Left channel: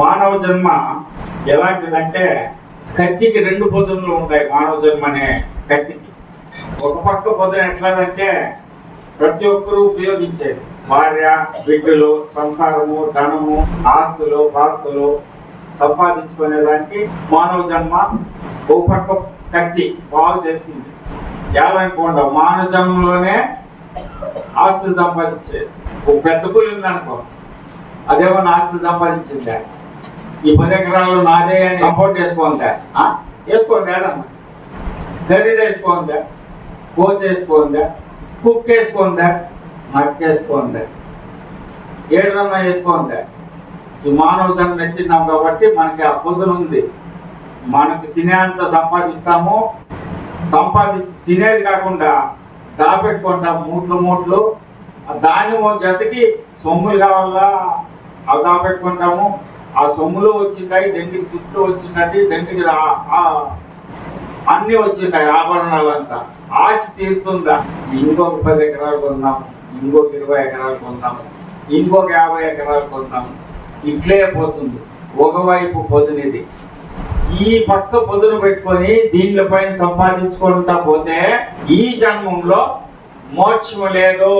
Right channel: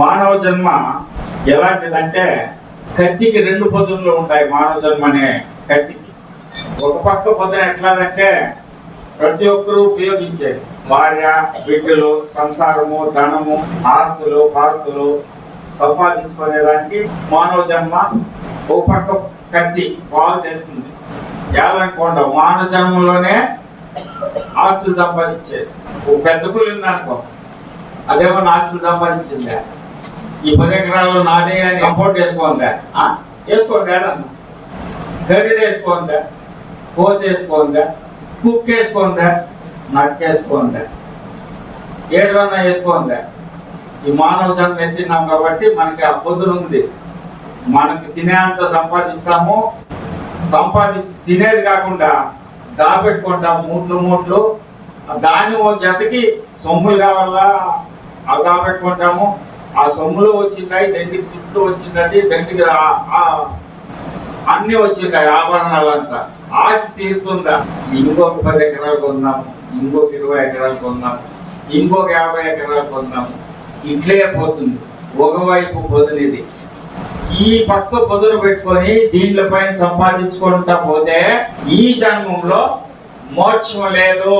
మానవ జన్మ ఎలాంటిదంటే కత్తికి రెండు పొద్దులు ఉంటాయి. మానవ జన్మ అనే కత్తికి ఒక పక్క పొద్దున ఎట్లాదంటే ప్రతి ఒక్కరూ ఉపయోగించేది భార్య, బిడ్డలు, సంసారము, ధనము, ఆస్తులు, పాస్తులు సంపాదించుకునేదానికి మానవ జన్మ ఒక పక్క కత్తి బాగు చేస్తుంది. ఏదనుకోండి మానవ జన్మలోనే ఆస్తులు సంపాదించేది. ఒక పెద్ద కూలి ఉందనుకో, అదేమన్నా ఆస్తులు సంపాదించిందా? ఈ 10 ఎకరాలు నాదే అని కంఫర్ట్ వేసుకోందా? వేసుకోండి. గరిడ వేసుకోందా? కోత వేసుకోందా? కుక్ వేసుకోందా? నక్కేసుకోందా? ఏడన్నా వేసుకోందా? ఈ మానవ జన్మ ఎత్తినాం కాబట్టి మనకి ఆ పొద్దునుంది. మనకి తినేంత సంపాదిస్తాము, సంపాదించి తినేది కాకుండా దాపెట్టుకుంటాం మూట్లు మూట్లు. దాన్ని ఒక జతకి సొమ్ములు కావాలా అవి దాపెట్టుకుంటాము. ఆ సొమ్ములు వచ్చింటాయి, దండికి తిట్లు వచ్చింది, దండికి అన్ని వచ్చింటాయి ఆభరణాలంతా. ఆశ తీరుతుందా? ఇంకొక 10 ఎకరాలు కొందాము, ఇంకొక 20 ఎకరాలు కొందాము, ఇంకొక 50 ఎకరాలు కొందాము. ఇట్లే పోతుంది. ఒకవైపు పొదునిది. ఈ పక్క పొదును పెట్టుకొని దీంట్లో పైన సంపాదించుకుంటా పోతే ఈ జన్మంలో మోక్షం లేదు.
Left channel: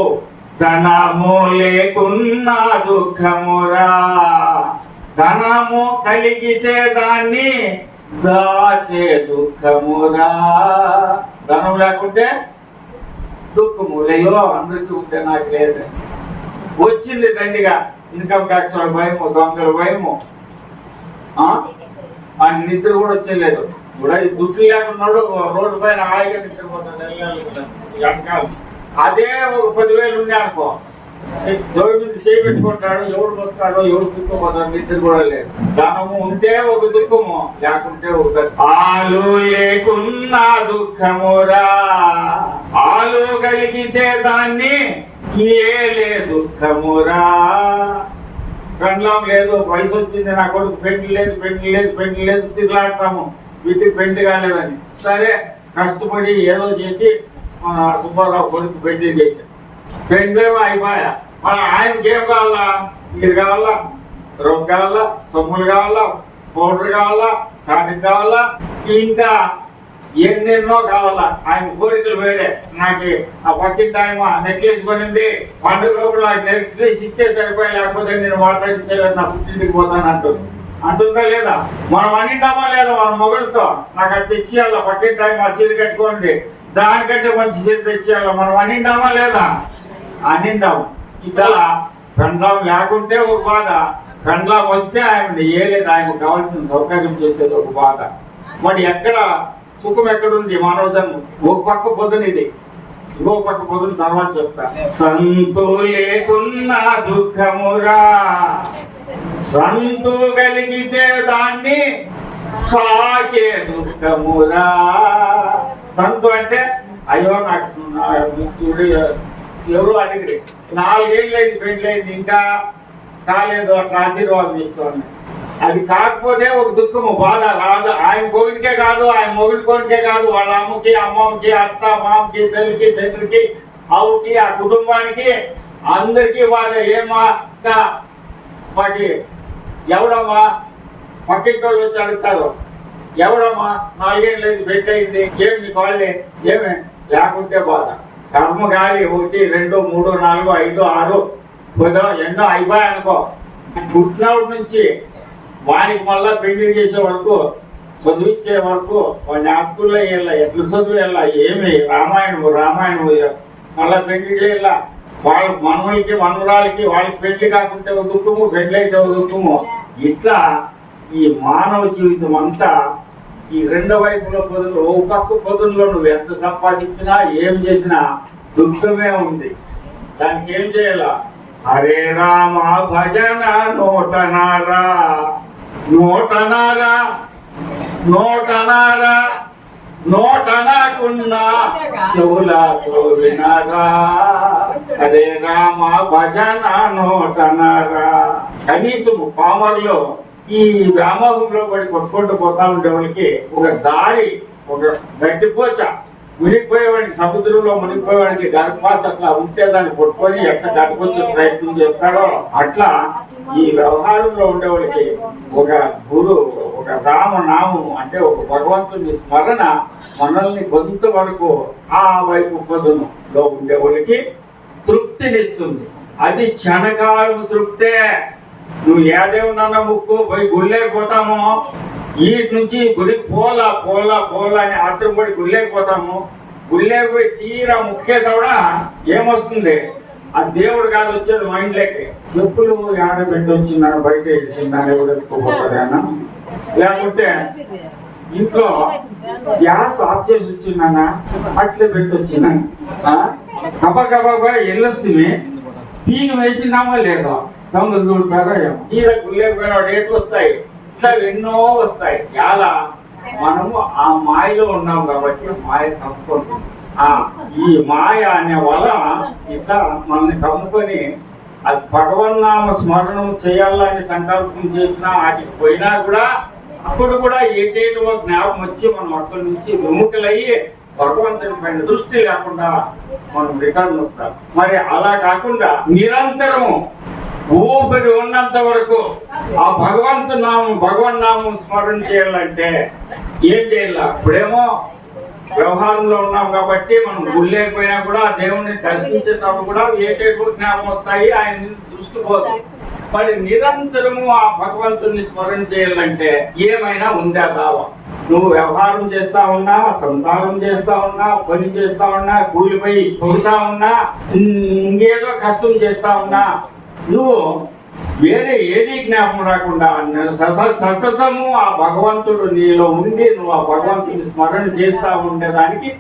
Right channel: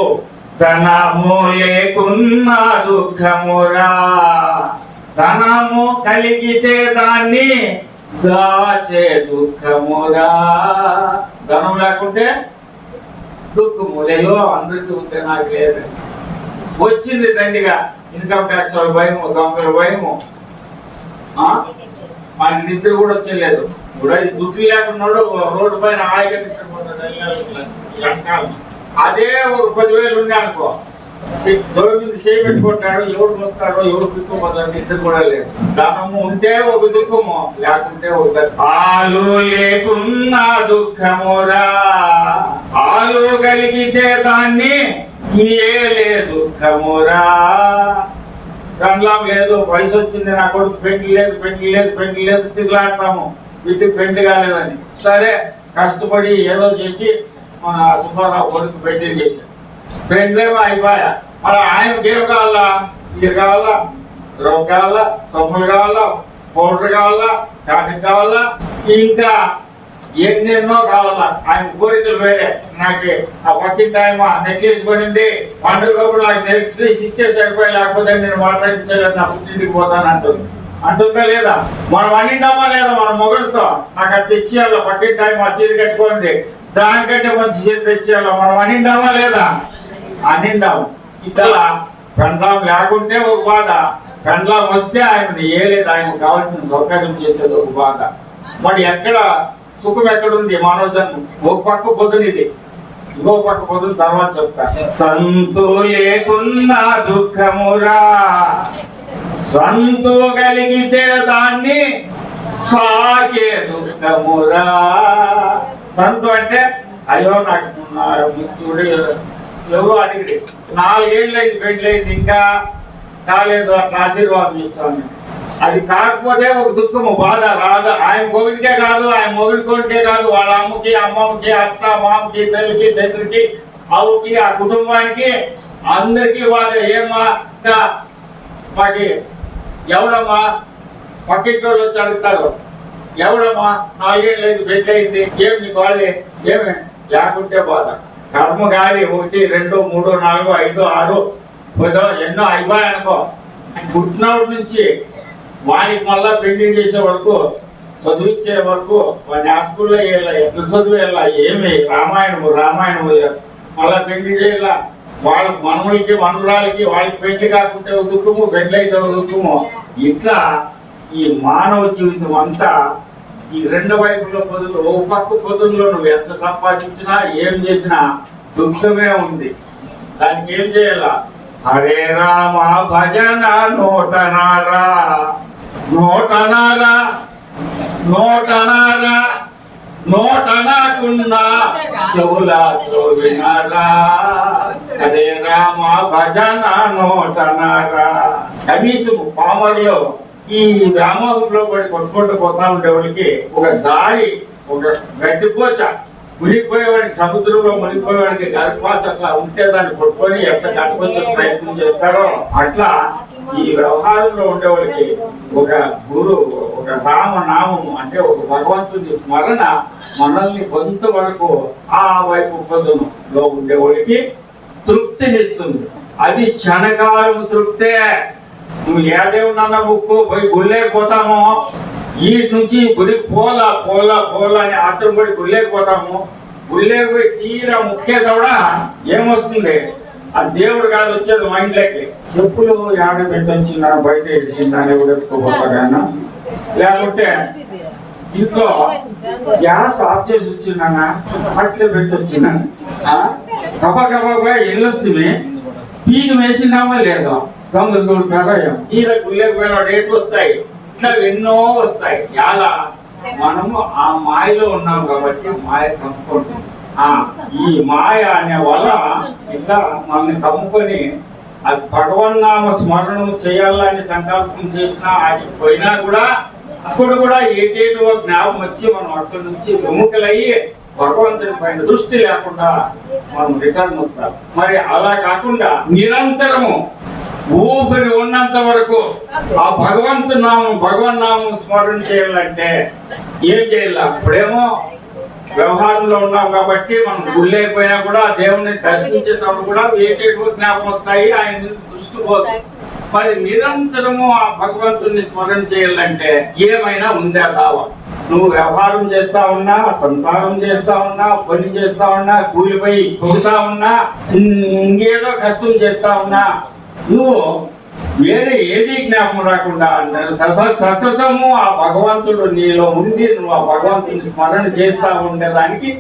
ధనము లేకున్నా దుఃఖమురా, ధనము కలిగితే దాన్ని దాచే దుఃఖమురా. ధనం లేకుంటే దుఃఖము. లేయో అందరికీ ఉంటే నాకు లేదు. వచ్చింది దండిగా ఇన్కమ్ ట్యాక్స్ వాళ్ళ భయము, దొంగల భయము, ఆయన నిద్ర కూడా వచ్చేలేదు. కూడా దుఃఖం లేకున్నాడు రోడ్డు పైన హాయిగా నిద్రపోతాడు. అదే ఒక 10,000 ఉండే అనుకో, జోడు మీద చేయి పెట్టుకుంటాడు. ఎవడు వస్తాడో ఎవడు దుఃఖపోతాడు, నిద్ర కూడా లేదు. ధనము ఉంటే ఒక దుఃఖము, లేకుంటే ఒక ఆలు లేకున్నా దుఃఖమురా, ఆలు కలిగితే దాన్ని ఏలే దుఃఖమురా. పెండ్లాం లేదు, వయసు వచ్చింది, నా కొడుకు పెండ్లి లేదు, పెండ్లి లేదు, పెండ్లి లేదు, తిరుగులాడతాము. వీటికి పెండ్లి కాలేదని సరే కష్టపడి ఏదో చేసి మన సుబ్బారావు కొడుకు పెండ్లి చేశారు. పెండ్లేమో అయిపోయా. మరి ఆయనకి ఏం కావాలా? ఇది కావాలా, రవ్వ కావాలా, సొమ్ములు కావాలా, పౌడర్ కావాలా, కాటన్ కావాలా, ఇంకా ఎన్నెన్నో కావాలా. ఆయన కోరికలు వేరే. నాకు ఆ పక్కింటి ఆయన నెక్లెస్ పడింది, పండుగప్పుడు నాకు నెక్లెస్ ఇస్తే సరిపోయి, లేకపోతే నేను మాట్లాడించలేదు, నా పుట్టింటికి పోతాను అంటుందా లేదా? మనం అనింటామా లేదా? మన మొగుడితో నాకు అది తెచ్చేయాల, పక్కింటి ఆయన చీర కట్టుకోండి, దానికంటే మంచి చీర తెచ్చేయాల, మనం అనింటామా లేదా? అనిందాం. ఇట్లా పెండ్లాం లేకుంటే ఒక బాధ, పెండ్లాం వస్తే ఆయన ఏలేదు, ఆయనకు కావాల్సిన సౌకర్యం చేసేది ఒక బాధ. మరి ఎక్కడ సుఖం ఎక్కడుంది? మానవ జన్మ ఒక పక్క పొద్దునిది, ఇంకో పక్క పొద్దున తర్వాత చెప్తా. సంతు లేకున్నా దుఃఖమురా, సంతు కలిగితే దాన్ని సాకే దుఃఖమురా. సంతు అంటే అయ్యో నాకు ఎవరు అడిగి 4 ఏళ్ళు అయింది పెళ్ళైంది, ఇంకా కాలేదు, అట్లా ఆశీర్వాదం చేసుకోండి. అది కాకపోతే ఒక దుఃఖము, బాధ రాదు. ఆయన కోవిడికే కాదు, ఆయన మొగుడి కోరికే కాదు, వాళ్ళ అమ్మకి, అమ్మమ్మకి, అత్త మామకి, తల్లికి, తండ్రికి, అవ్వకి, ఆ కుటుంబానికి అందరికీ బాధ. ఏమ్మా మాకి ఎవడమ్మా పక్కింటోళ్ళు వచ్చి అడుగుతారు, ఎవడమ్మా 4 ఏళ్ళు అయింది పెళ్ళయింది, ఏమి నీ వాళ్ళే ఏమే? లేకుంటే బాధ. కర్మ గాలి 1 2 3 4 5 6 10 ఎన్నో అయిపోయాయి అనుకో. పుట్టినప్పటి నుంచి వానికి మళ్ళా పెళ్లి చేసే వరకు, చదివించే వరకు, వాడిని స్కూల్లో వెళ్ళా, ఎట్లా చదువు వెళ్ళా, ఏమి రామాయణము మళ్ళా పెళ్లి చేయాల. వాళ్ళ మనవులకి మనవరాలకి వాళ్ళకి పెళ్లి కాకుంటే ఒక దుఃఖము, పెళ్లి అయితే ఒక దుఃఖము. ఇట్లా ఈ మానవ జీవితం అంతా ఈ 2 వైపుల పొదులు. ఓ పక్క పొదుల్లో నువ్వు ఎంత సంపాదించినా ఏం చేసినా దుఃఖమే ఉంది. దానికి ఏం చేయాలా? హరే రామ భజన నోటనారా, నోటనారా, నోటనారా, నోటనాకున్నా చెవులతో వినారా. హరే రామ భజన నోటనారా. కనీసం పామర్లో ఈ వ్యామోహంలో పడి కొట్టుకుంటూ పోతా ఉండేవాళ్ళకి ఒక దారి, ఒక గడ్డిపోచ, మునిగిపోయేవాడికి, సముద్రంలో మునిగిపోయేవాడికి గర్భాస అట్లా ఉంటే దాన్ని పట్టుకొని ఎట్లా గడ్డిపోచే ప్రయత్నం చేస్తారో అట్లా ఈ వ్యవహారంలో ఉండేవాళ్ళకి ఒక గురు, ఒక రామనామం అంటే ఒక భగవంతుని స్మరణ మనల్ని కొంతవరకు ఆ వైపు పొద్దులో ఉండేవాళ్ళకి తృప్తినిస్తుంది. అది క్షణకాలం తృప్తే. నువ్వు ఏదేమన్నా ముక్కు పోయి గుళ్ళేకపోతామో, ఈ నుంచి గుడి పోలా పోలా పోలా అని ఆత్రపడి గుళ్ళేకపోతాము. గుళ్ళేపోయి తీరా ముఖ్యతోడా ఏమొస్తుంది? ఆ దేవుడు కాదు వచ్చేది మైండ్లోకి. చెప్పులు ఏడ పెట్టొచ్చిన బయట వేసిందని ఎత్తుకోపోతాడన్నా, లేకపోతే ఇంట్లో గ్యాస్ ఆఫ్ చేసి వచ్చిందన్నా అట్లే పెట్టొచ్చిన గబా గబా వెళ్ళొస్తుంది. పీకి వేసినామా లేదా దొంగలు దూరుతారో తీరా గుళ్ళేకపోయినాడు ఏటు వస్తాయి, ఇట్లా ఎన్నో వస్తాయి. చాలా మనము ఆ మాయలో ఉన్నాం కాబట్టి మాయ కమ్ముకుంటాం. ఈ మాయ అనే వల్ల ఇట్లా మనల్ని కమ్ముకొని అది భగవన్నామ స్మరణము చేయాలని సంకల్పం చేసినా వాటికి పోయినా కూడా అప్పుడు కూడా ఏటేటో జ్ఞాపకం వచ్చి మనం అక్కడి నుంచి విముఖులయ్యి భగవంతుని పైన దృష్టి లేకుండా మనం రిటర్న్ వస్తాం. మరి అలా కాకుండా నిరంతరము ఊపిరి ఉన్నంత వరకు ఆ భగవన్నామం స్మరణ చేయాలంటే ఏం చేయాలి? ఇప్పుడేమో వ్యవహారంలో ఉన్నాం కాబట్టి మనం గుళ్ళైపోయినా కూడా దేవుణ్ణి దర్శించేటప్పుడు కూడా ఏటేటో జ్ఞాపకం వస్తాయి, ఆయన మీద దృష్టి పోతుంది. మరి నిరంతరము ఆ భగవంతుని స్మరణ చేయాలంటే ఏమైనా ఉందా భావం? నువ్వు వ్యవహారం చేస్తా ఉన్నా, సంసారం చేస్తా ఉన్నా, పని చేస్తా ఉన్నా, కూలిపోయి పొగుతా ఉన్నా, ఇంకేదో కష్టం చేస్తా ఉన్నా, నువ్వు వేరే ఏది జ్ఞాపకం రాకుండా సతతము ఆ భగవంతుడు నీలో ఉండి నువ్వు ఆ భగవంతుని స్మరణ చేస్తా ఉండేదానికి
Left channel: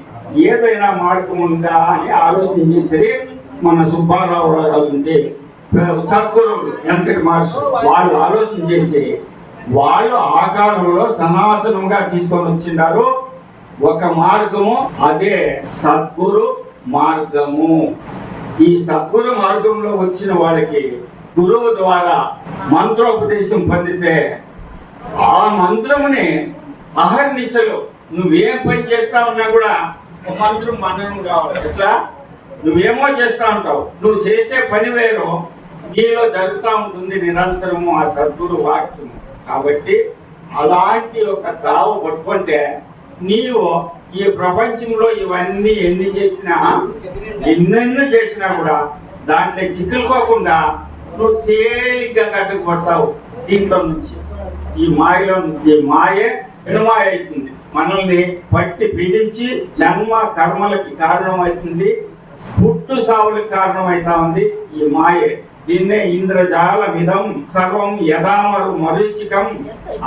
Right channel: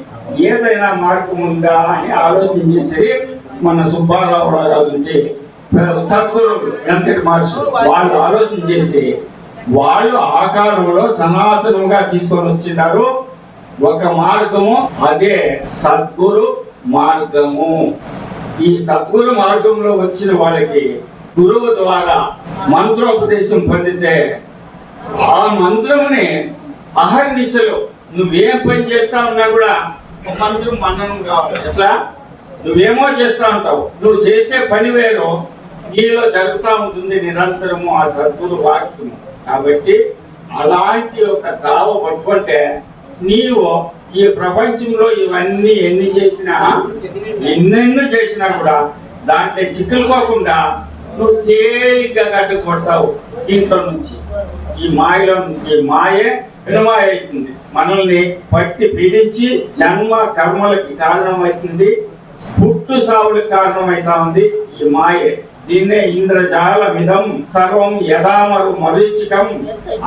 ఏదైనా మార్గం ఉందా అని ఆలోచన చేసి మన సుబ్బారావు రాజు సద్గురు వెంకట మహర్షి వాళ్ళు ఆలోచన చేసి వాళ్ళు ఆకారంలో సనాతనంగా తీసుకొని వచ్చినారు ఒక మార్గము, అదే సద్గురు మార్గము. ఈ సద్గురు మార్గంలో వచ్చిన వాళ్ళకి గురువు ద్వారా మంత్రోపదేశం పొందితే ఆ మంత్రముని అహర్నిశలు నువ్వేం పని చేస్తా ఉన్నా కూడా మంత్రం మననం కావాలి. ఎట్లా? నువ్వేమో చేస్తా ఉంటావు, నువ్వు చేసే పని వేరు, నీలో జరుగుతూ ఉంటుంది నిరంతరము ఆ సద్గురు వాక్యము. కాబట్టి అలాంటి ఒక దావ పట్టుకుంటే నీవు ఈ ప్రపంచంలో ఇవన్నీ ఎన్ని చేసినా కూడా దాంట్లో చిక్కులుకోకుండా నువ్వు తేలిగ్గా కట్టుకొడతావు. దీంట్లో నుంచి ఈ మాయలో నుంచి మాయే వినుమాయ అవుతుంది, మనల్ని పట్టి పీడించి జన్మ కర్మలకి కారణమవుతుంది, పుట్టు సావులకు కారణమవుతా ఉంది ఈ మాయే. దీన్నే ఇంద్రజాలమిదం సర్వం యథామరు మరీచికం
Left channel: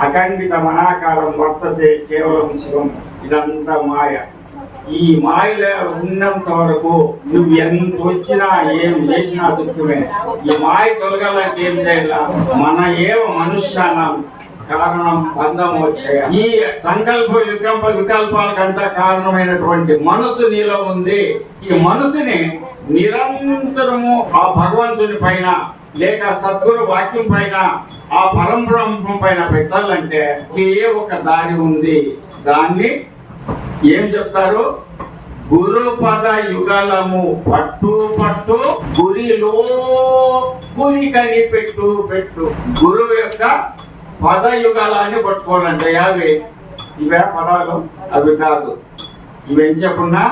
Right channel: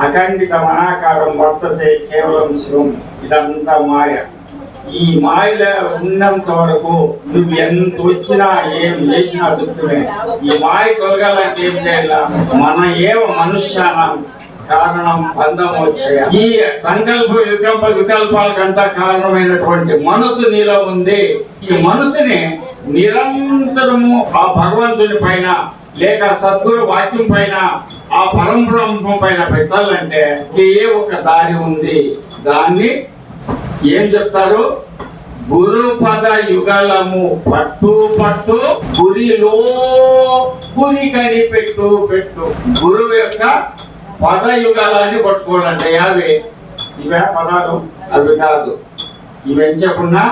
అఖండిత మనాకారం వర్తతే కేవలం శివం. ఇదంతా మాయ. ఈ మాయలో ఉన్నంత వరకు నువ్వు ఎంత వచ్చినా ఏం చేసినా దుఃఖమే. ఈ మాయ తొలగాలంటే ఏం చేయాల? మన ఏవ మనుష్యానం కారణం బంధం వచ్చాయి. ఈ సంకల్ప వికల్పాలకంతా కారణమైనటువంటి మనసు నీలో ఉంది. ఈ మనసుని నిరంతరము ఆ భగవంతుని పైన లేక సద్గురు వాక్యం పైన ఆ పరంబ్రహ్మం పైన పెట్టాలంటే ఏ ఒక దారి ఉంది. దాన్ని ఏం చెప్తారు? గురుపద యుగలము పట్టు పట్టు గురిలో గురి కని పెట్టు పెట్టు. గురువు యొక్క పదయుగాలని పట్టుకోవాలంటే యావే ఇవే పదాలు, అవి కాదు. ఇవేం చెప్పున్నా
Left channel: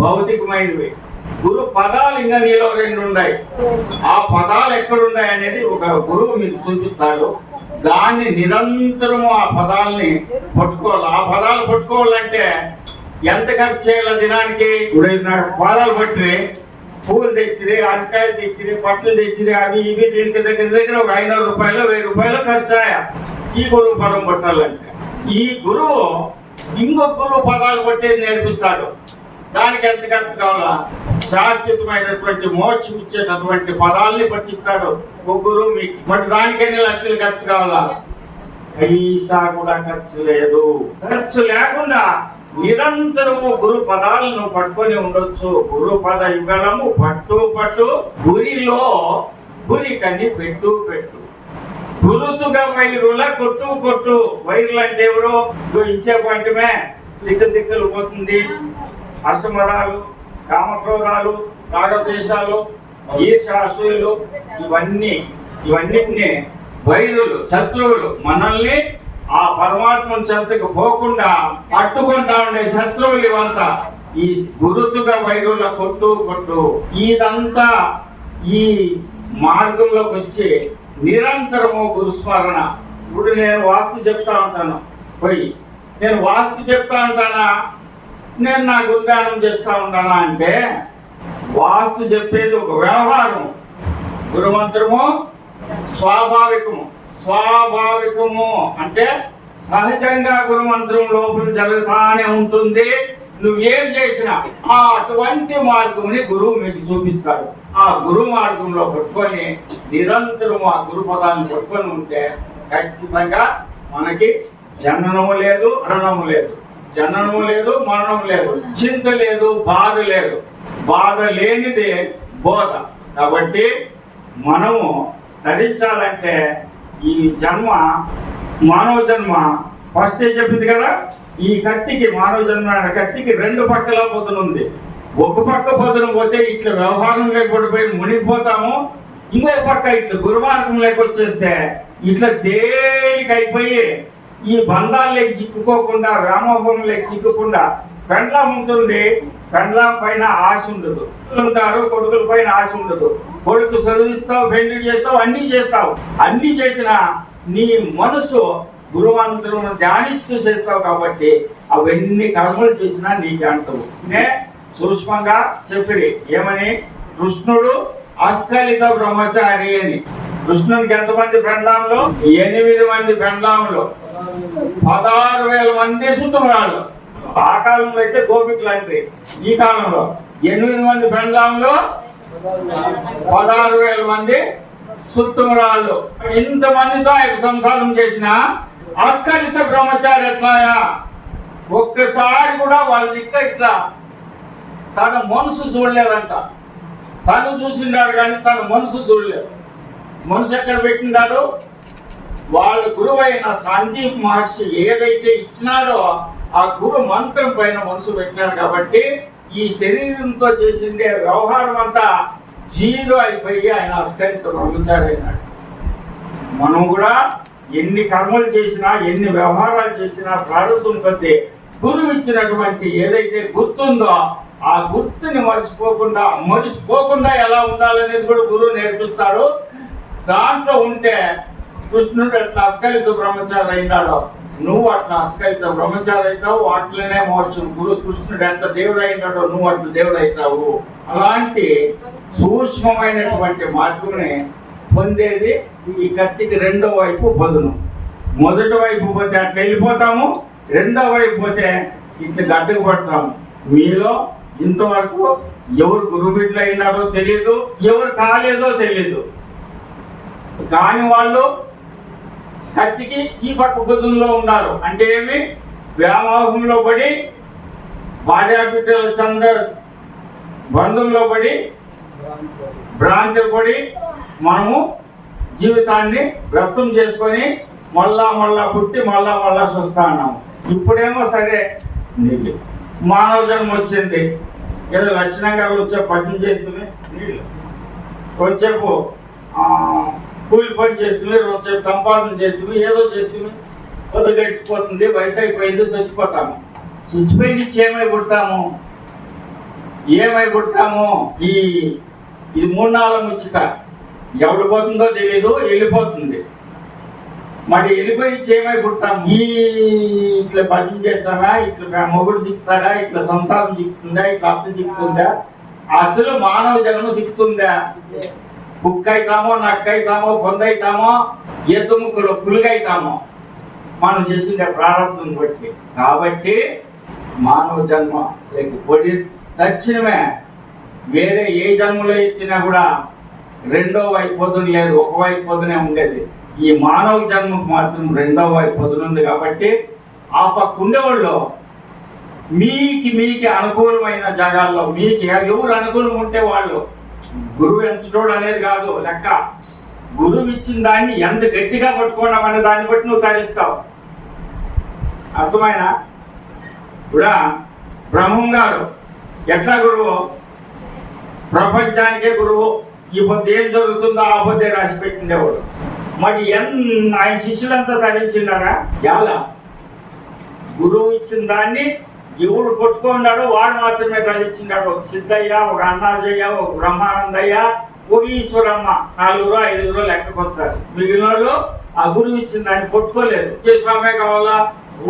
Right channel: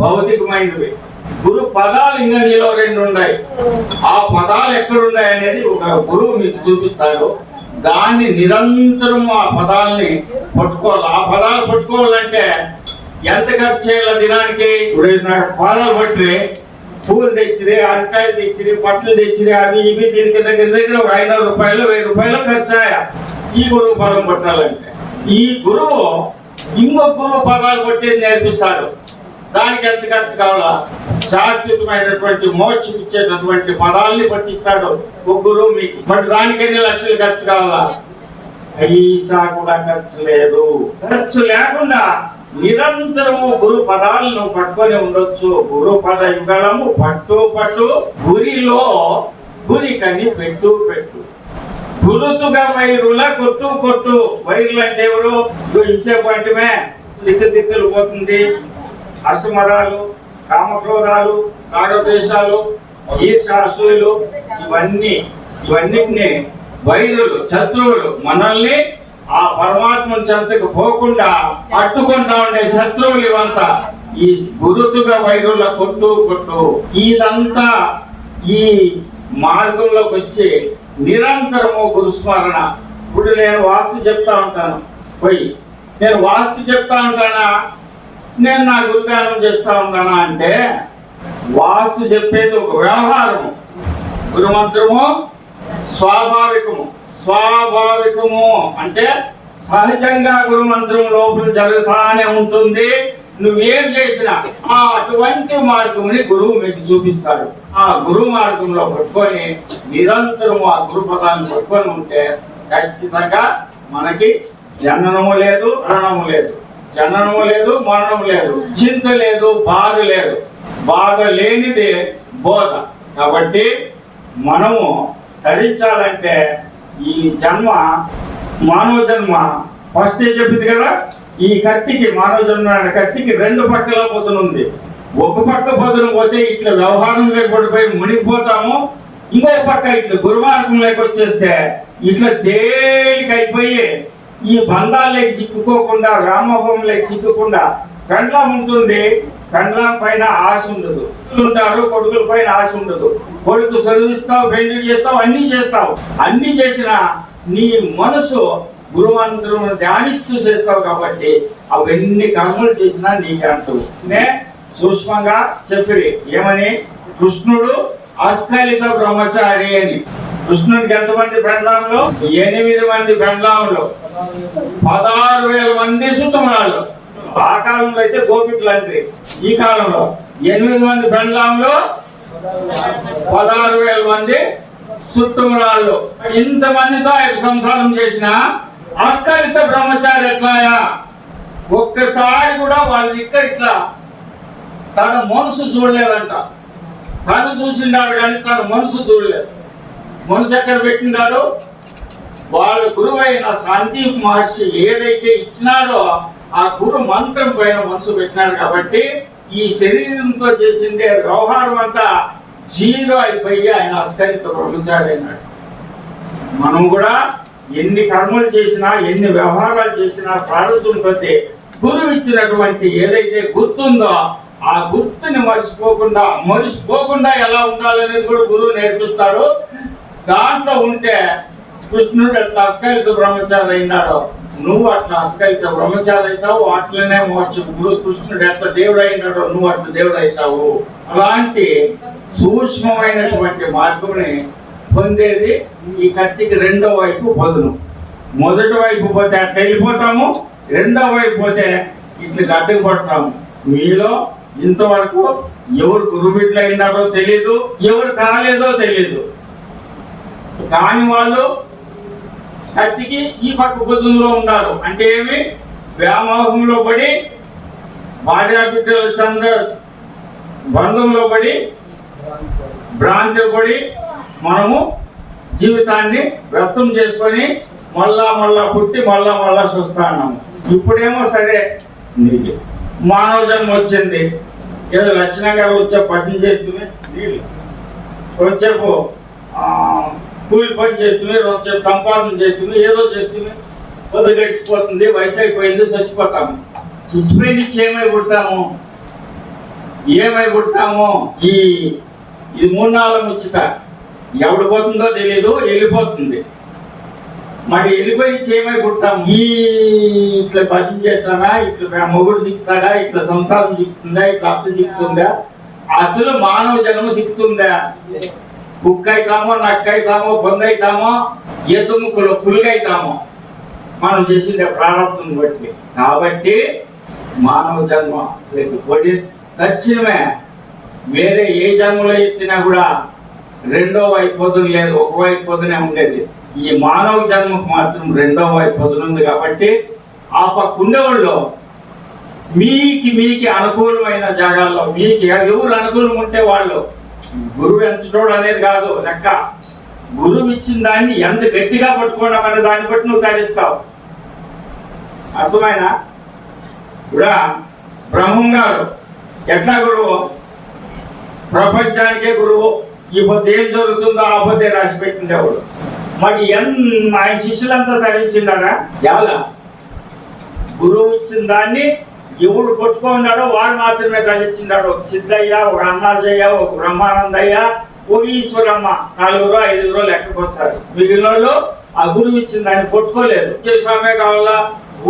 భౌతికమైనవి. గురు పదాలు ఇంకా నీలో రెండు ఉన్నాయి. ఆ పదాలు ఎక్కడున్నాయి అనేది ఒక గురువు మీకు చూపిస్తాడు. దాన్ని నిరంతరము ఆ పదాలని పట్టుకోవాలి. ఆ పదాలు పట్టుకోవాలంటే ఎంత ఖర్చు చేయాలి దినానికి? పదాలు పట్టి పూలు తెచ్చిరి, అరకాయలు తెచ్చిరి, పట్లు తెచ్చిరి, అవి ఇవి దీనికి దగ్గర ఒక 500 రూపాయలు 1000 రూపాయలు ఖర్చాయా ఈ గురువు పదం పట్టాలంటే. ఈ గురువు ఇంకొక గురువు పదాలు పట్టేది నేర్పిస్తాడు. దానికి ఎంత ఖర్చు కావాలా? శాశ్వతమైనటువంటి మోక్షం ఇచ్చేటటువంటి పదాలని పట్టిస్తాడు ఒక గురువు మీకు. బట్ దానికి ఎన్ని లక్షలు ఖర్చు కావాలా? పైసా కూడా ఖర్చు లేదు. ఖర్చు లేకుండా నిరంతరము గురు పదాలను పట్టుకొని ఉండొచ్చు. గురు పద యుగలము పట్టు పట్టు గురిలో గురి కని పెట్టు పెట్టు. గురుతుగా వైరుల కొట్టు కొట్టు. వైరులు అంటే ఎవరు? ఇచ్చే పంటమే దిక్కులు పోతుంది. అష్టమదాలు, కామక్రోధాలు, రాగద్వేషాలు, ఈర్ష్య అసూయలు ఇవన్నీ ఇవన్నిటిని వైరులు, శత్రువులు మనల్ని ఆ పరమాత్మ చెంతకు పోకుండా అట్టుకుంటా ఉండే శత్రువులు ఇవంతా ఈ గురుతుగా వైరుల కొట్టు ఇదంతా ఈ మార్గంలోకి వచ్చి నిరంతరము గురుస్మరణ. ఇప్పుడు నేను వాస్తు చెప్తా ఉంటాను, నేను వాస్తు చెప్తా ఉంటానా, నేను నా గురుదానం చేస్తా ఉంటానా అంటే వాస్తు చెప్పేది ఒక వ్యవహారము, గురుమంత్రము స్వాభావికము అంటే సహజంగా గురుమంత్రం లోపల జరుగుతానే ఉంటుంది. నువ్వేం చేసినా అటువంటి మార్గంని గురువు మీకు చూపిస్తాడు. ఆ గురు మార్గంలో పట్టుకొని నిరంతరం ఆ గురు పదాన్ని పట్టుకొని ఉంటే ఖచ్చితంగా మనకి జననము లేదు, మరణము లేదు, జననము లేదు, మరణము లేదు, చింత లేదు, బాధ లేదు. బాధ లేనిది బోధ. కాబట్టి మనము ధరించాలంటే ఈ జన్మ, మానవ జన్మ ఫస్టే చెప్పింది కదా, ఈ కత్తికి, మానవ జన్మ కత్తికి రెండు పక్కల పొదునుంది. ఒక పక్క పొదును పోతే ఇట్లా వ్యవహారం లేకపోయి మునిగిపోతాము, ఇంకో పక్క ఇట్లా గురుమార్గం లేకొచ్చేస్తే ఇట్లా తేలికైపోయి ఈ బంధాల్లోకి చిక్కుకోకుండా, వ్యామోహంలోకి చిక్కకుండా పెండ్లం ఉంటుంది. పెండ్లం పైన ఆశ ఉండదు, ఉంటారు కొడుకుల పైన ఆశ ఉండదు. కొడుకు చదివిస్తావు, పెళ్లి చేస్తావు, అన్ని చేస్తావు. అన్ని చేసినా నీ మనసు గురువంతులను ధ్యానిస్తూ చేస్తావు కాబట్టి అవన్నీ కర్మలు చేసినా నీకే అంటావు. సూక్ష్మంగా చెప్పి ఏమని, కృష్ణుడు అస్కలిత బ్రహ్మచారి అని. కృష్ణునికి ఎంతమంది పెండ్లాంలో? 8 మంది పెండ్లాంలో 16,000 మంది సుత్తమరాళ్ళు. ఆ కాలంలో అయితే గోపికులు అంటే, ఈ కాలంలో 8 మంది పెండ్లాంలో 16,000 మంది సుత్తమరాళ్ళు. ఇంతమందితో ఆయన సంసారం చేసిన అస్కలిత బ్రహ్మచారి ఎట్లాయా? ఒక్కసారి కూడా వాళ్ళ దగ్గర ఇట్లా తన మనసు చూడలేదంట. తను చూసిండాడు కానీ తన మనసు చూడలేదు. మనసు ఎక్కడ పెట్టిండాడు? వాళ్ళ గురువైన సందీప్ మహర్షి ఏదైతే ఇచ్చినారో ఆ గురు మంత్రం పైన మనసు పెట్టినాడు. కాబట్టి ఈ శరీరంతో చేసిందే వ్యవహారం అంతా జీరో అయిపోయి ఆయన అస్కలిత బ్రహ్మచారి అయినాడు. మనం కూడా ఎన్ని కర్మలు చేసినా, ఎన్ని వ్యవహారాలు చేసినా ప్రారంభం కొద్దీ గురువు ఇచ్చినటువంటి ఏదైతే గుర్తుందో ఆ గుర్తుని మరిచిపోకుండా ఎలా ఉండాలనేది కూడా గురువు నేర్పిస్తాడు. దాంట్లో ఉంటే కృష్ణుడు అట్లా అస్కలిత బ్రహ్మచారి అయినాడు, నువ్వు అట్లా అస్కలిత బ్రహ్మచారి అవుతావు. అట్లనే మోక్షం. గురు కృష్ణుడు ఎట్లా దేవుడు అయినాడో నువ్వు అట్లా దేవుడు అవుతావు. అలాంటి సూక్ష్మమైనటువంటి మార్గంని పొందేది ఈ కత్తికి రెండో వైపు పొదును. మొదటి వైపు పోతే అట్లా వెళ్ళిపోతాము, రెండో వైపు పోతే ఇట్లా గడ్డకు పడతాము. మీలో ఇంతవరకు ఎవరు గురుబిడ్డలు అయినారో తెలీదు, ఎవరు కాలేదో తెలీదు. కాని వాళ్ళు కత్తికి ఈ పక్క పొదునులో ఉన్నారు. అంటే ఏమి? వ్యామోహంలో పడి, భార్యాబిడ్డల చంద్ర బంధంలో పడి, భ్రాంతి పడి మనము జీవితాన్ని వ్యర్థం చేసుకొని మళ్ళా పుట్టి మళ్ళా చూస్తున్నాము. ఇప్పుడేమో సరే నీళ్ళు మానవ జన్మ వచ్చింది, ఏదో లక్షణంగా వచ్చే పని చేస్తుంది, నీళ్ళు వచ్చేపు కూలి పని చేస్తుంది, వచ్చేపు సంపాదన చేస్తుంది, ఏదో చేస్తుంది, పొద్దు గడిచిపోతుంది, వయసు అయిపోయింది, చచ్చిపోతాము. చచ్చిపోయింది ఏమై పుడతాము? ఇది 3-4 ముచ్చిట. ఎవడు పోతుందో తెలియదు, వెళ్ళిపోతుంది. మరి వెళ్ళిపోయి ఏమై పుడతాము? ఇట్లా భజన చేస్తానా, ఇట్లా మొగుడు దిక్కుతాడా, ఇట్లా సంసారం దిక్కుతుందా, ఇట్లా అత్త దిక్కుతుందా? అసలు మానవ జన్మ సిక్కుతుందా? కుక్క అవుతామో, నక్క అవుతామో, పొంద అవుతామో, ఎద్దు ముక్కలు పులుగైతామో మనం చేసిందే ప్రారంభం బట్టి. కాబట్టి మానవ జన్మ లేకపోతే తక్షణమే వేరే ఏ జన్మలో ఎత్తినా కూడా రెండో వైపు పొదును లేదు, ఒక వైపు పొదునే ఉండేది. ఈ మానవ జన్మకు మాత్రం రెండో వైపు పొదును ఉంది. కాబట్టి ఆ పక్క ఉండేవాళ్ళు మీకు అనుకూలమైన జాగాల్లో మీకు ఎవరు అనుకూలం ఉంటే వాళ్ళు, గురువు ఎంతటోడు అనేది కాదు లెక్క. గురువు ఇచ్చిన దాన్ని ఎంత గట్టిగా పట్టుకోవడం అనే దాన్ని బట్టి నువ్వు తరిస్తావు. అర్థమైనా? ఇప్పుడు బ్రహ్మం గారు ఎట్లా గురువు? ప్రపంచానికే గురువు. ఈ పొద్దు ఏం జరుగుతుందో ఆ పొద్దే రాసి పెట్టిండేవాడు. మరి ఆయన శిష్యులంతా తరించిండారా? ఎలా? గురువు ఇచ్చిన దాన్ని ఎవడు కొట్టుకున్నాడో వాడు మాత్రమే తరించిండాడు. ఒక సిద్ధయ్య, ఒక అన్నాజయ్య, ఒక బ్రహ్మానందయ్య, ఒక ఈశ్వరమ్మ, 4 5 లెక్కకు వస్తారు. మిగిలిన వాళ్ళు ఆ గురువు ఇచ్చిన దాన్ని కొట్టుకోలేదు. స్వామే కావాలా,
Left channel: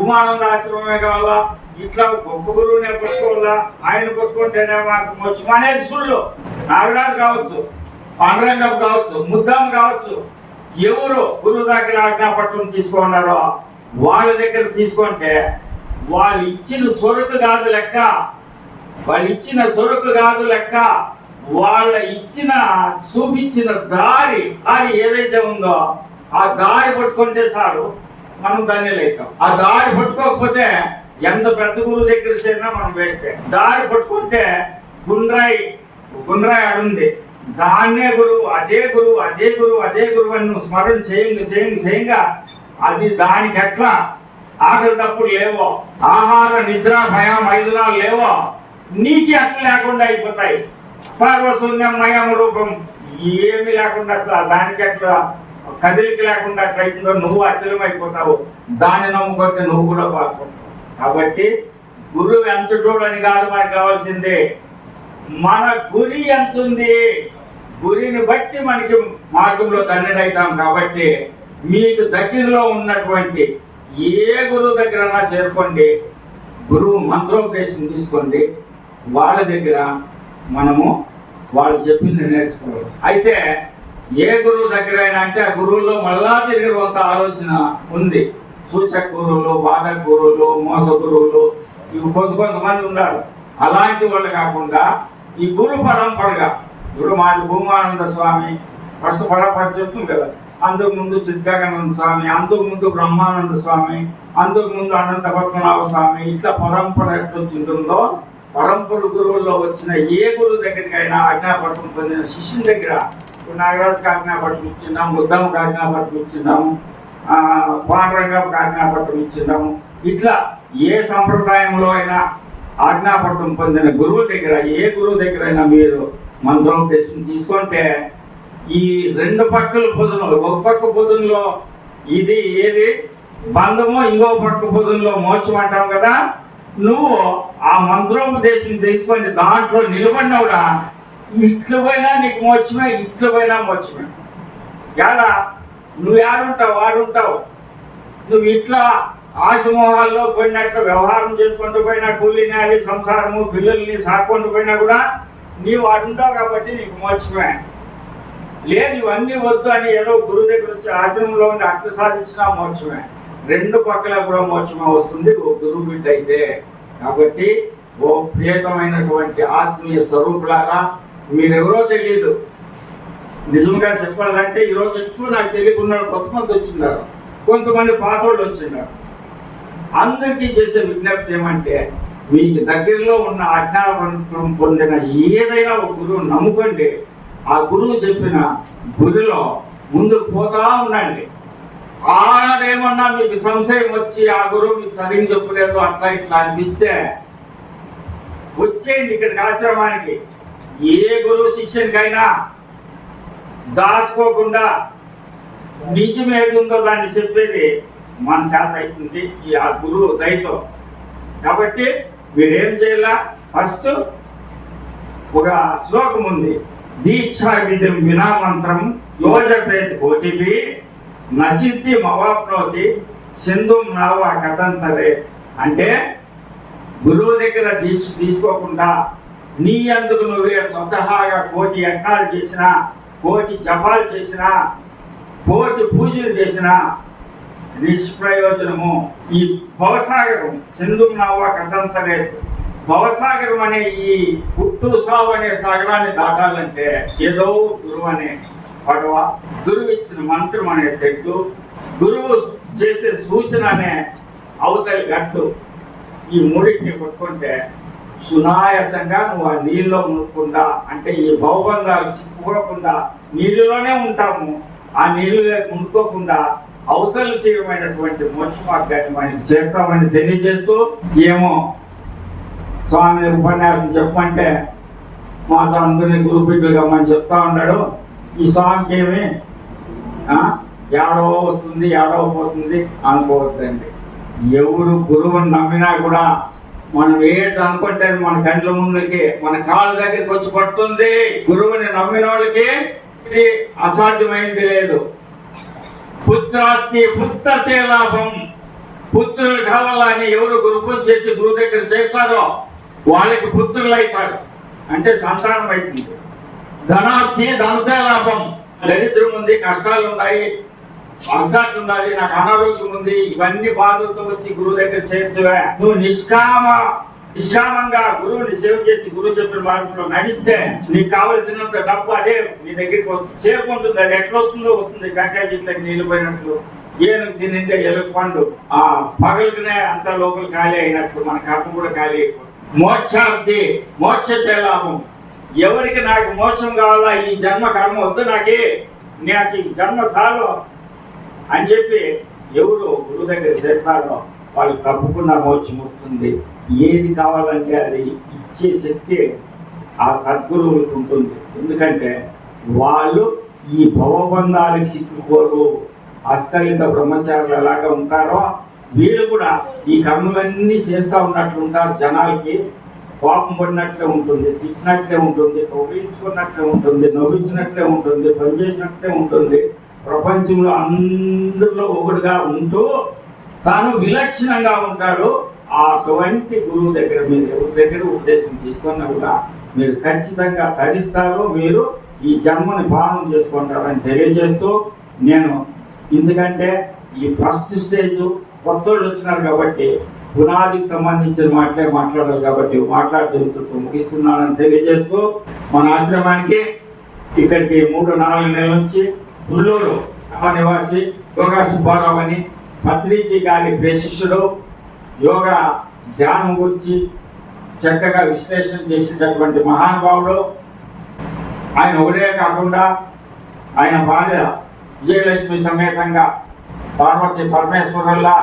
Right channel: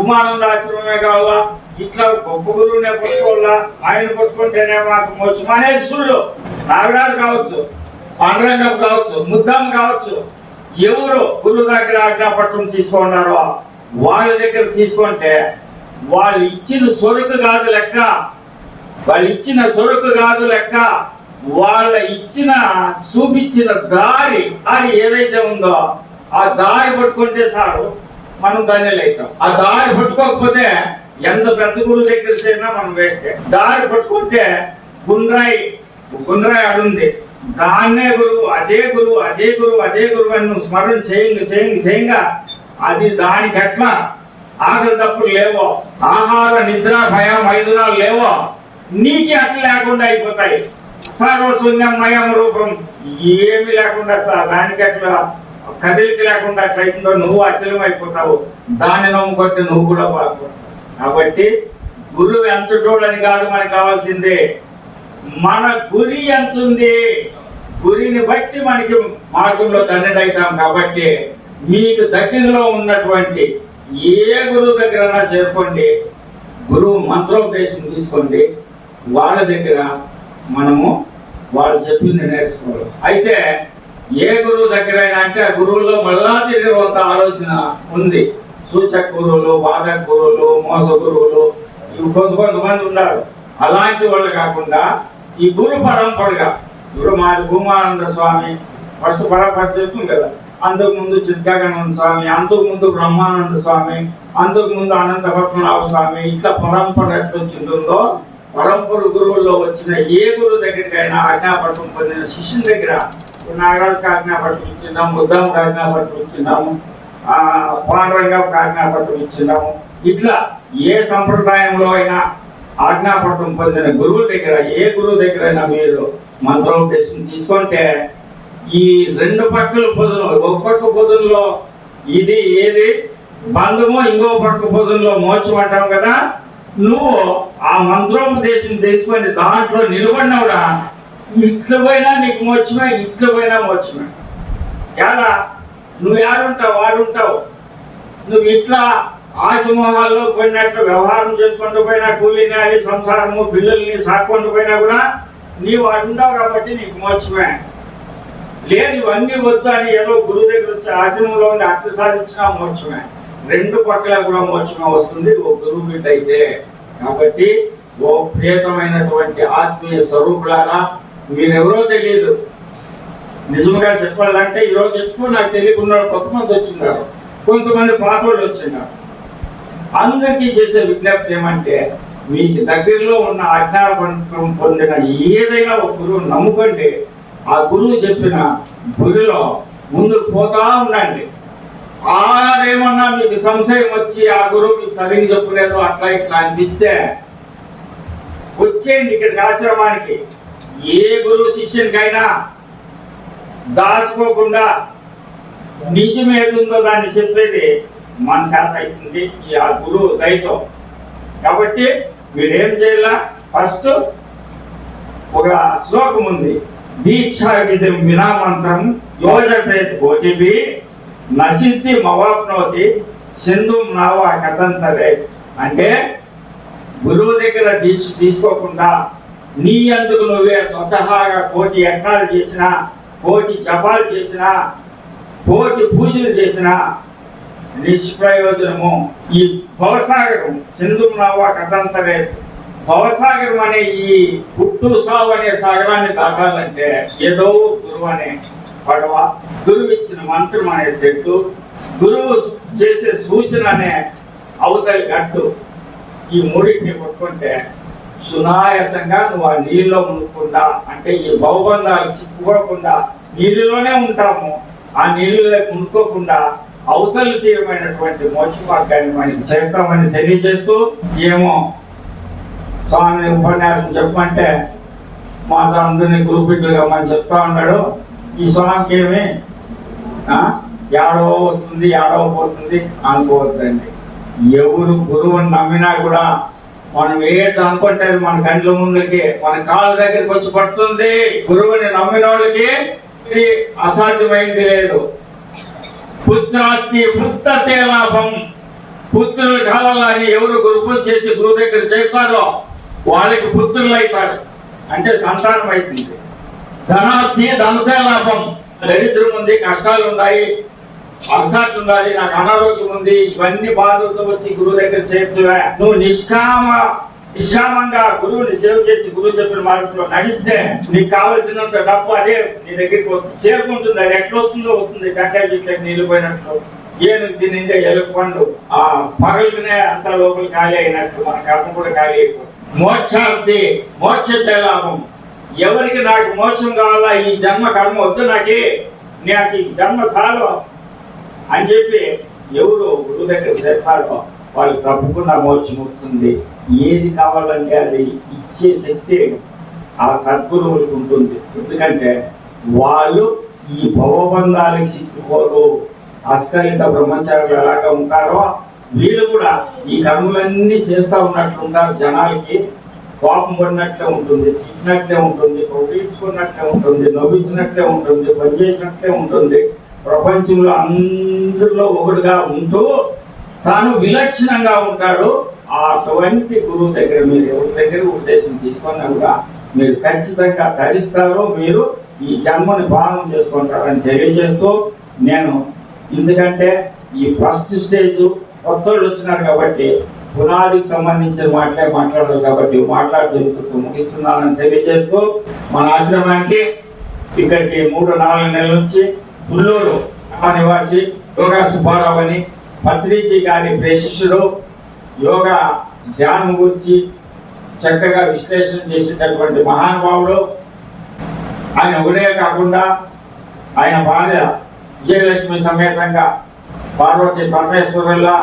ఉమానంద ఆశ్రమమే కావాలా, ఇట్లా గొప్ప గురువునే కొట్టుకోవాలా, ఆయన కొట్టుకుంటేనే మాకు మోక్షం అనేది సుళ్ళు. నాగరాజు కావచ్చు, పాండురంగం కావచ్చు, ముద్దం కావచ్చు, ఎవరు గురువు దగ్గర ఆజ్ఞాపత్రం తీసుకున్నారో వాళ్ళ దగ్గర తీసుకుంటే వాళ్ళు ఇచ్చిన సొరుకు కాదు లెక్క, వాళ్ళు ఇచ్చిన సొరుకు కాదు లెక్క, వాళ్ళ ఇచ్చిన చూపించిన దారి ఏదైతే ఉందో ఆ దారి పట్టుకుంటే సారు మనం ధన్యులు అవుతాం. ఆ దారి పట్టుకోకపోతే ఎంత పెద్ద గురువు దగ్గర చేరినా మనం వేస్తే. దారి పట్టుకుంటే గుండ్రాయి అడుంది, దాన్నే గురువు, అదే గురువు, అదే గురువు, అదే గురువు అని నువ్వు స్మరణ చేయంగా అది దానికి ఎట్లా ఆకలి తప్పులు లేవో, ఆహార నిద్ర భయం 5 లేవో, నీకు అట్లా లేకుండా అయిపోతాయి. సర్వశూన్యమయం రూపం ఏమి లేకుండా దానికి అట్లా కదిలికి లేకుండా అట్లయితుందో నువ్వు అచలం అయిపోతావు. దాన్ని నమ్ముకుంటే నువ్వు కూడా బాగుపడతావు. కాబట్టి గురువు ఎంత చూడని కాదు మనకు కావాల్సిందే, మన గురి ఎంత ఉంది, గురిని బట్టి మనకి మార్గంలో ధన్యుడైతాం. కాబట్టి మీకు దగ్గరలో ఉన్నటువంటి ఏ గురువు దగ్గర చేరుకోండి, గురువు మంత్రోపదేశం తీసుకోండి, వాళ్ళ దగ్గర మనము వాళ్ళు చెప్పింది నేర్చుకోవాలి. అయితే ఏ గురువు దగ్గర అయినా అంటే ఆ గురువుల్లో మళ్ళా తిరిగి కొంత ఆలోచన ఉంది. సూచక గురువులు, బాధక గురువులు, మోస గురువులు, ఇవి కొంతమంది ఉన్నారు. అలాంటి వాళ్ళు కాకుండా ఈ గురు పరంపరగా ఇప్పుడు మాది భూమానంద స్వామి ఫస్ట్ పరంపర చెప్తుంది కదా, అంతకు ముందు చిద్గానంద స్వామి, అంతకు ముందు బ్రహ్మానంద స్వామి, అంతకు ముందు అనంత పద్మనాభ స్వామి, ఇట్లా పరంపర ఎట్లా వచ్చిందో పరంపర గురువుల్లో వచ్చిన ఏ గురువు దగ్గరికైనా ఆజ్ఞాపత్రం పొందిన శిష్యుని దగ్గర నాగరాజుకి ఆజ్ఞాపత్రం ఇచ్చినాము, బుద్ధంకి ఆజ్ఞాపత్రం ఇచ్చినాము, పాండురంగంకి ఆజ్ఞాపత్రం ఇచ్చినాము. ఇట్లా ఏ సంప్రదాయంలో అయినా ఆజ్ఞాపత్రం పొందిన గురువుల దగ్గర ఏ గురువు దగ్గర అయినా మీరు మంత్రోపదేశం తీసుకుంటే ఈ 2 పక్కల పొదులు, ఒక పక్క పొదుల్లో ఇది ఏది బంధము, ఇంకో పక్క పొదుల్లో మోక్షం అంటాం కదా, నువ్వు ఆ మంత్రోపదేశం తీసుకొని దాంట్లో నిలబడినవుడా ఇట్ల పోయినా నీకు మోక్షమే, ఇట్ల పోయినా మోక్షమే. ఎలా నువ్వు ఏడుంటావు వాడుంటావు. నువ్వు ఇట్లా ఆశమోహాల్లో పోయినట్లు వ్యవహారం చేసుకుంటూ పోయినా, కూలీ నేలి సంసారము పిల్లల్ని సాక్కుంటూ పోయినా కూడా నీవు వాడుంటావు కాబట్టి నీకు మోక్షమే. లేదు ఇవన్నీ వద్దు అని ఏదో గురువు దగ్గర వచ్చి ఆశ్రమంలో ఉండి అట్లా సాధించినా మోక్షమే. 2 పక్కల కూడా మోక్షమే వస్తుంది ఓ గురువు బిడ్డ అయితే. కాబట్టి ఓ ప్రియతమైనటువంటి ఆత్మీయ స్వరూపులారా, మీరెవరో తెలియదు. నిజంగా చెప్పాలంటే ఈరోజు ఎక్కువ నాకు తెలియకుండా కొంతమంది వచ్చిన్నారు, కొంతమంది పాతోళ్ళు వచ్చిన్నారు. అందరికీ చేసే విజ్ఞప్తి ఏమంటే మీకు దగ్గరలో ఉన్న అజ్ఞాపత్రం పొందిన ఏదైనా ఒక గురువు నమ్ముకోండి. ఆ గురువు చెప్పిన గురిలో ముందుకు పోతా ఉండండి. ఆడేమన్నా మీకు సంశయం వచ్చి ఆ గురువు మీకు సరిగ్గా చెప్పలేదు అట్లా ఇట్లా అనిపిస్తే వచ్చేయండి ఇక్కడికి ఆశ్రమానికి. ఏ గురువు శిష్యునికైనా దాచుకోకుండా నిజం ఏదుందో దాన్ని చెప్పేది మన చేత అవుతుంది ఈ ఆ గురువు దయతో. కాబట్టి మీరేం చేయాలా, ఫస్ట్ ఒక శ్లోకం ఉంది, దీక్షా విధిం వినామంత్రం యోజపేత్ కోటిభి నసిద్ధి మవాప్నోతి సింధుం నావా కథంతరే. అంటే గురువు దగ్గర దీక్ష తీసుకోకుండా నీ అందుకు నువ్వే స్వతహాగా 1,000 యజ్ఞాలు చేసినా, 1,000 జపాలు చేసినా, 1,000 పూజలు చేసినా నిష్ప్రయోజనము. ఈ భవసాగరం సింధుం నావా కథంతరే, భవసాగరం అనే ఈ పుట్టు సావు అనే సాగరాన్ని దాటాలంటే ఏదో గురువు అనే పడవ, గురువు ఇచ్చిన మంత్రం అనే తెట్టు, గురువు చేసే సూచన అనే అవతలి గట్టు, ఈ మూడింటిని పట్టుకుంటే సునాయాసంగా నువ్వు ఆ నీళ్ళలో మునుక్కుండా, అంటే ఈ భవబంధాలు చిక్కుకోకుండా నీళ్ళలోనే ఉంటాము, ఆ నీళ్ళు మునుకోకుండా అవతలి తీరమైనటువంటి మోక్ష మార్గాన్ని మనం చేస్తామని తెలియజేస్తూ, ఏమో స్వామి ఉపన్యాసం చెప్పమంటే మాతో అందరినీ గురుపెట్టుగా మనం చెప్తా ఉన్నాడు. ఈ స్వామికి ఏమి ఏడో వస్తుంది ఏడో పోతుంది అనుకోవద్దండి. ఎవరు గురువుని నమ్మినా కూడా మనం ఏది అనుకుంటే మన కండ్ల ముందుకి మన కాళ్ళ దగ్గరికి వచ్చి పడుతుంది. గురువుని నమ్మిన వాళ్ళకి ఇది అసాధ్యమైంది లేదు. పుత్రాస్తి పుత్రతే లాభం. పుత్రుల కాలాలని ఎవరు గురు చేసి గురువు దగ్గర చేస్తారో వాళ్ళకి పుత్రులు అవుతారు, అంటే సంతానం అవుతుంది. ధనాస్తి ధనతే లాభం. దరిద్రం ఉంది, కష్టాలు ఉన్నాయి, అలసాట్లు ఉండాలి, నాకు అనారోగ్యం ఉంది, ఇవన్నీ బాధలతో వచ్చి గురువు దగ్గర చేర్చువా. నువ్వు నిష్కామంగా గురువుని సేవ చేసి గురువు చెప్పిన మార్గంలో నడిస్తే నీకు కావలసినంత డబ్బు అదే నీ దగ్గరికి వస్తుంది, చేరుకుంటుంది. అది ఎట్లా వస్తుందో వస్తుంది. టెంకాయ చెట్లకి నీళ్ళు పోయినట్లు, ఏనుగు తినింటే ఎలుగు పండు ఆ పగలుకునే అంత లోపల ఖాళీ అయినట్టు మన కర్మ కూడా ఖాళీ అయిపోతుంది. మోక్షార్థి మోక్షతే లాభం. ఎవరికి నాకు మోక్షం కావాలా, ఈ జన్మ కర్మ వద్దు, నాకు ఈ జన్మ సాలు అని చెప్పి ఎవరు గురువు దగ్గర చేస్తాడో వాళ్ళు తప్పకుండా మోక్షం వస్తుంది. ఏది కావాలంటే అది ఇచ్చే శక్తి ఆ సద్గురువులకు ఉంటుంది. ఎందుకంటే వాళ్ళు ఈ భవబంధాలకు చిక్కుకోరు. అస్కలిత బ్రహ్మచారులు ఎలాగా ఉంటారో వీళ్ళు కూడా ఈ కర్మలన్నీ చేస్తూ ఉన్నట్లు ఉంటారు. జనాలకి కోపం పడినట్లే ఉంటుంది, తిట్టినట్లే ఉంటుంది, పొగిడించుకున్నట్లే ఉంటుంది, నవ్వించినట్లే ఉంటుంది, పనిచేసినట్లే ఉంటుంది. ప్రపంచంలో అందరిలో ఒకడుగా ఉంటూ తాను విలక్షణంగా ఉంటాడు. అటువంటి గురువు దగ్గర మీరు ఎవరి దగ్గర ఉద్దేశం తీసుకున్నా కూడా మీరు ఖచ్చితంగా తరిస్తారు, మీరు ఈ జన్మని భావన చేసుకుంటారని తెలియజేస్తూ నేను, ఎందుకంటే ఈ ఫస్ట్ స్టేజ్ కొత్త వాళ్ళు వచ్చినారు కాబట్టి పునాదికి సంబంధించిన మాట్లాడాలి కాబట్టి మాట్లాడుతూ ముగిస్తున్నానని తెలియజేస్తూ మన ఆశ్రమానికి ఇక్కడికి 3-4 నెలల నుంచి పుల్లూరు నివాసి యోగా సుబ్బారావు అని పత్రిజీ గారి ప్రేషిష్యుడు, యోగా ధ్యానం గురించి చక్కగా విశ్లేషణ చేసేటటువంటి మహానుభావుడు. ఆయన ఒకడే కాకుండా ఆయన భార్య విజయలక్ష్మి సమేతంగా పార్వతీ పరమేశ్వరుల్లా